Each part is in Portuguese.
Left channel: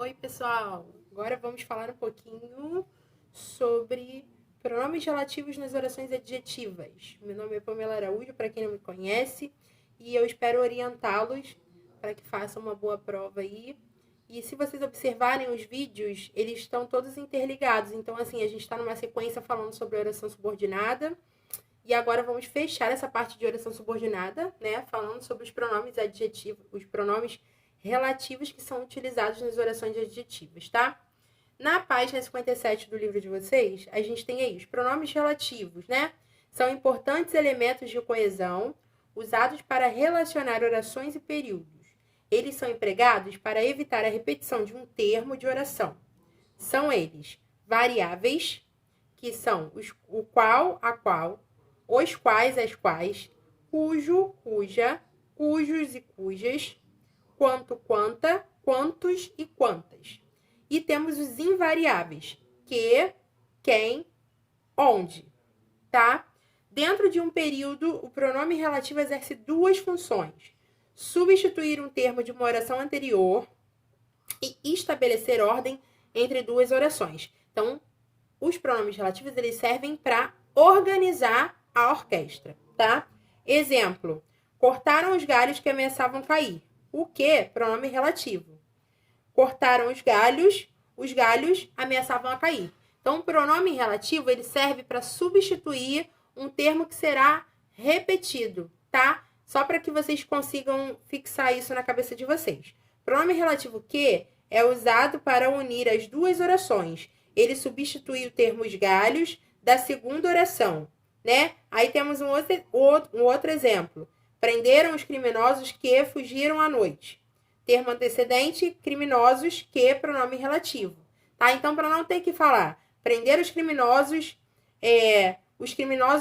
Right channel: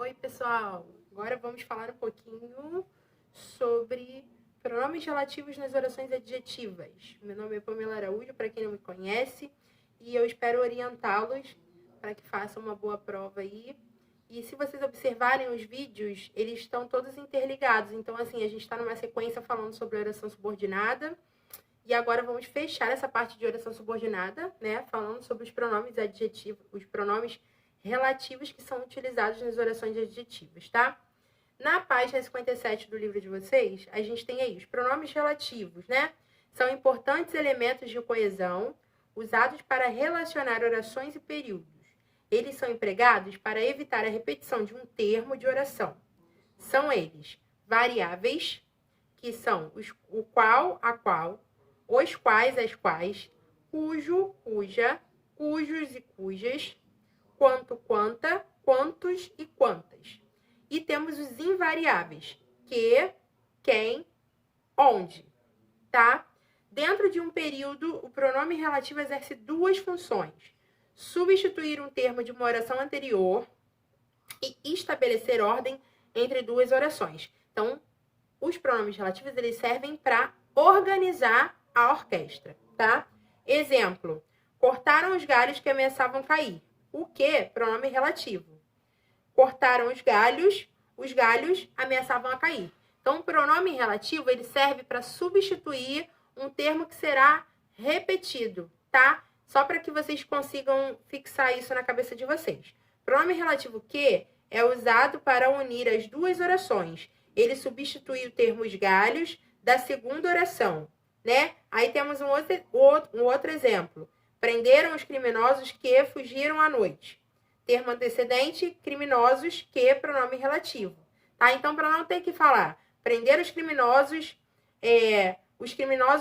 Oi, pessoal! Agora vamos falar um pouquinho sobre pronomes relativos nas orações adjetivas. Meu nome é Pamela Araújo, para quem não me conhece, e eu espero orientá-los para que façam uma boa prova aí. E se vocês observarem os vídeos, eles estão todos interligados. Então, assim, a gente está numa sequência falando sobre oração subordinada. E agora vamos fechar essa parte de oração subordinada, né? Falando sobre os pronomes adjetivos, os pronomes relativos que são utilizados nas orações adjetivas, tá? Na página 57 do livro de vocês, a gente tem aí os pronomes relativos, né? São importantes elementos de coesão usados para relacionar orações e períodos. Eles são empregados para evitar a repetição de um termo de oração. São eles variáveis, que são o qual, a qual, os quais, as quais, cujo, cuja, cujos e cujas, quanto, quanta, quantos e quantas. E temos os invariáveis, que, quem, onde, tá? Dentro de um período, o pronome relativo exerce duas funções: substituir um termo de uma oração anterior e estabelecer ordem entre duas orações. Então, os pronomes relativos, eles servem para organizar a orquestra, tá? Exemplo: cortaram os galhos que ameaçavam cair. O que? Pronome relativo. Cortaram os galhos ameaçavam a cair. Então, o pronome relativo, ele serve para substituir um termo que será repetido, tá? Só para que vocês consigam fixar isso na cabeça de vocês. Pronome relativo que é usado para unir as duas orações. Ele substitui o termo os galhos da segunda oração, né? Aí temos um outro exemplo. Prenderam os criminosos que fugiram à noite. Termo antecedente, criminosos, que, pronome relativo. Tá? Então, para não ter que falar prender os criminosos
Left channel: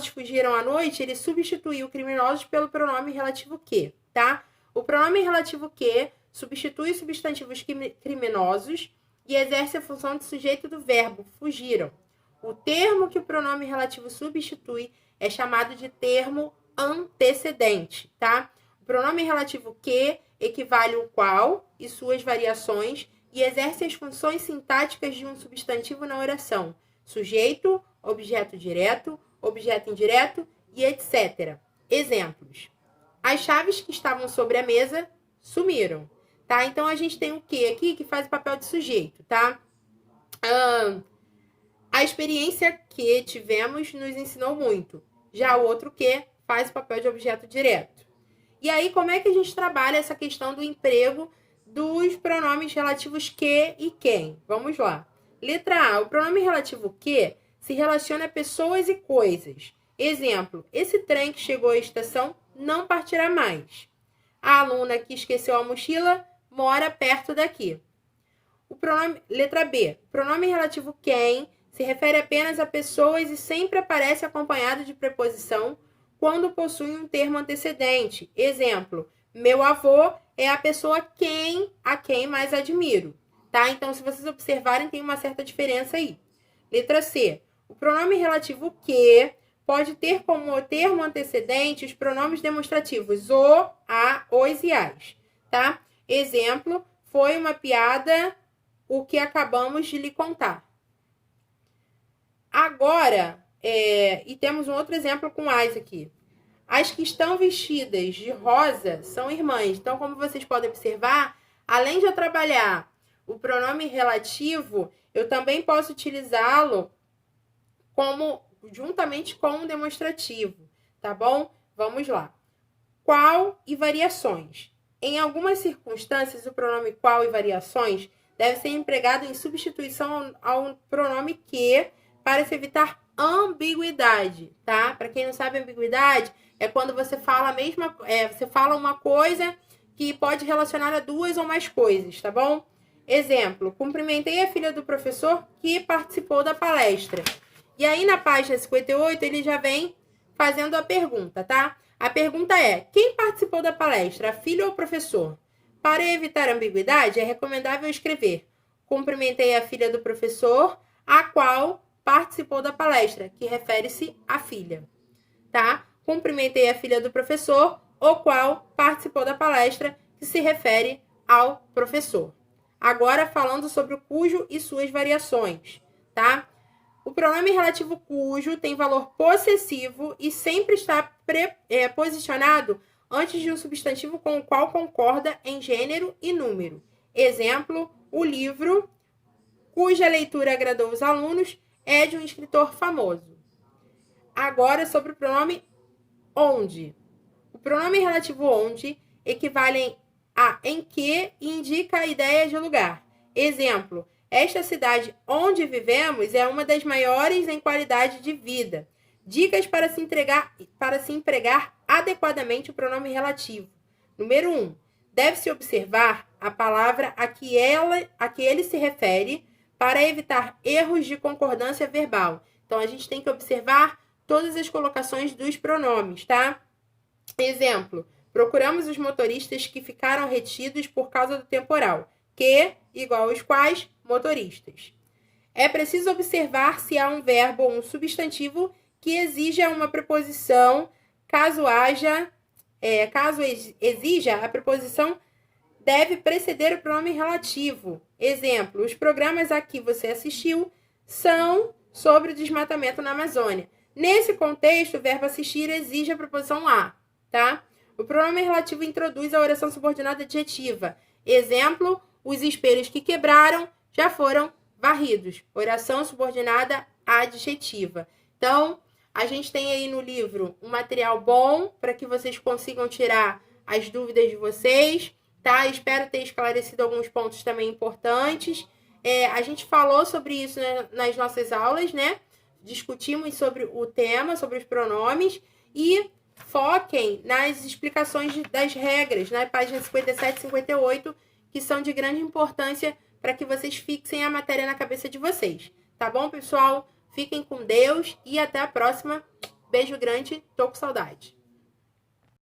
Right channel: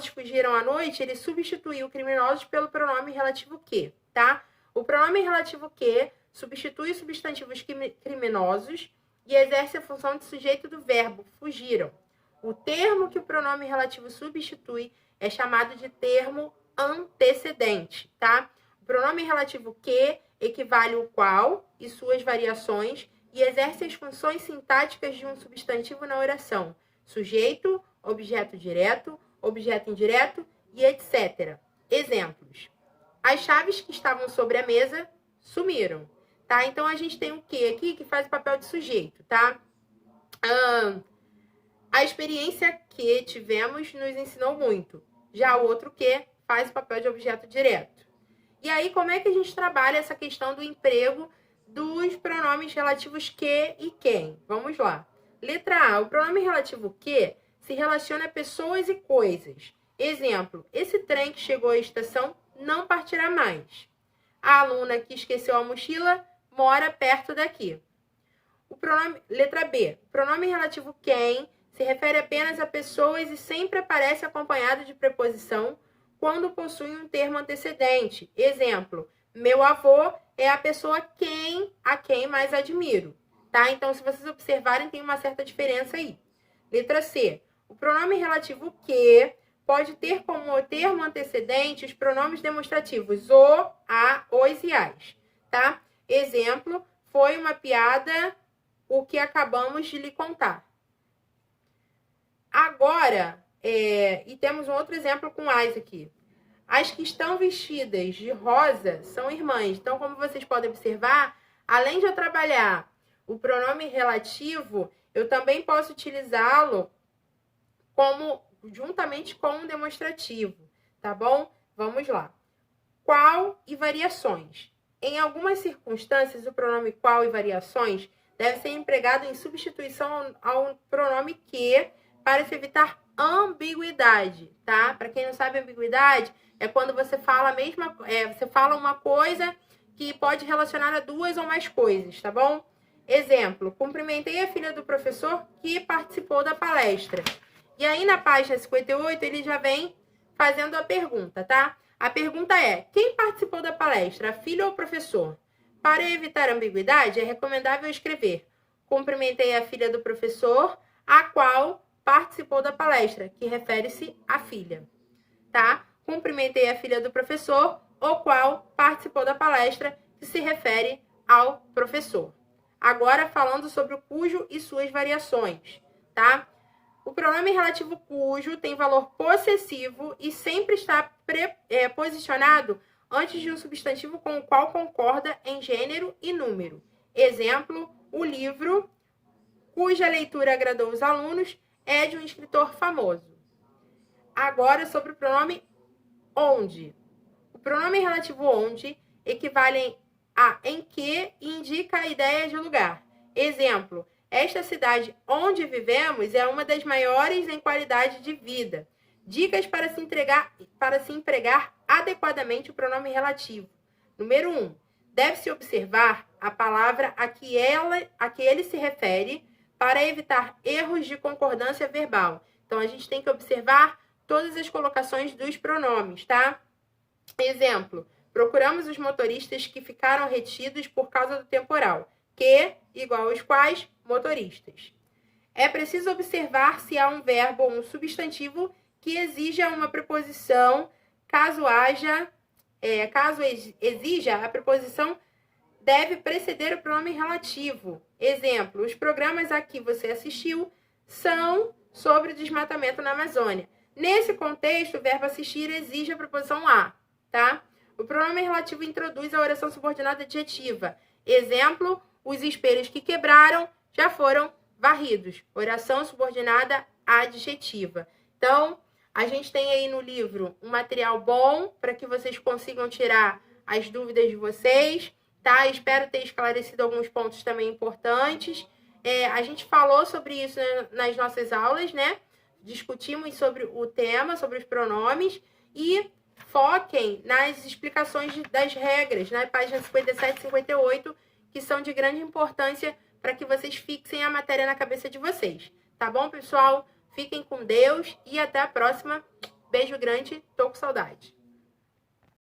fugiram à noite, ele substituiu o criminosos pelo pronome relativo que, tá? O pronome relativo que substitui os substantivos criminosos e exerce a função de sujeito do verbo fugiram. O termo que o pronome relativo substitui é chamado de termo antecedente, tá? O pronome relativo que equivale ao qual e suas variações e exerce as funções sintáticas de um substantivo na oração: sujeito, objeto direto, objeto indireto e etc. Exemplos: as chaves que estavam sobre a mesa sumiram, tá? Então, a gente tem o que aqui que faz o papel de sujeito, tá? A experiência que tivemos nos ensinou muito. Já o outro que faz o papel de objeto direto. E aí, como é que a gente trabalha essa questão do emprego dos pronomes relativos que e quem? Vamos lá. Letra A. O pronome relativo que se relaciona a pessoas e coisas. Exemplo: esse trem que chegou à estação não partirá mais. A aluna que esqueceu a mochila mora perto daqui. Letra B. O pronome relativo quem se refere apenas a pessoas e sempre aparece acompanhado de preposição quando possui um termo antecedente. Exemplo: meu avô é a pessoa a quem mais admiro. Tá? Então, se vocês observarem, tem uma certa diferença aí. Letra C. O pronome relativo que pode ter como termo antecedente os pronomes demonstrativos o, a, os e as. Tá? Exemplo: foi uma piada o que acabamos de lhe contar. Agora, e temos um outro exemplo com as aqui. As que estão vestidas de rosa são irmãs. Então, como vocês podem observar, além de eu trabalhar o pronome relativo, eu também posso utilizá-lo juntamente com um demonstrativo, tá bom? Vamos lá. Qual e variações. Em algumas circunstâncias, o pronome qual e variações deve ser empregado em substituição ao pronome que para se evitar ambiguidade, tá? Para quem não sabe, ambiguidade é quando você fala você fala uma coisa que pode relacionar a duas ou mais coisas, tá bom? Exemplo: cumprimentei a filha do professor que participou da palestra. E aí, na página 58, ele já vem fazendo a pergunta, tá? A pergunta é: quem participou da palestra, a filha ou o professor? Para evitar ambiguidade, é recomendável escrever: cumprimentei a filha do professor, a qual participou da palestra, que refere-se à filha, tá? Cumprimentei a filha do professor, o qual participou da palestra, que se refere ao professor. Agora falando sobre o cujo e suas variações, tá? O pronome relativo cujo tem valor possessivo e sempre está posicionado antes de um substantivo com o qual concorda em gênero e número. Exemplo, o livro, cuja leitura agradou os alunos, é de um escritor famoso. Agora sobre o pronome onde. O pronome relativo onde equivale a em que e indica a ideia de lugar. Exemplo, esta cidade onde vivemos é uma das maiores em qualidade de vida. Dicas para se empregar adequadamente o pronome relativo. Número 1. Deve-se observar a palavra a que ele se refere para evitar erros de concordância verbal. Então, a gente tem que observar todas as colocações dos pronomes, tá? Exemplo, procuramos os motoristas que ficaram retidos por causa do temporal. Que, igual aos quais, motoristas. É preciso observar se há um verbo ou um substantivo que exija uma preposição. Caso exija, a preposição deve preceder o pronome relativo. Exemplo, os programas a que você assistiu são sobre o desmatamento na Amazônia. Nesse contexto, o verbo assistir exige a preposição a, tá? O pronome relativo introduz a oração subordinada adjetiva. Exemplo, os espelhos que quebraram já foram varridos. Oração subordinada adjetiva. Então, a gente tem aí no livro um material bom para que vocês consigam tirar as dúvidas de vocês, tá? Espero ter esclarecido alguns pontos também importantes. A gente falou sobre isso nas nossas aulas, né? Discutimos sobre o tema, sobre os pronomes e foquem nas explicações das regras, na página 57 e 58, que são de grande importância para que vocês fixem a matéria na cabeça de vocês. Tá bom, pessoal? Fiquem com Deus e até a próxima. Beijo grande, tô com saudade.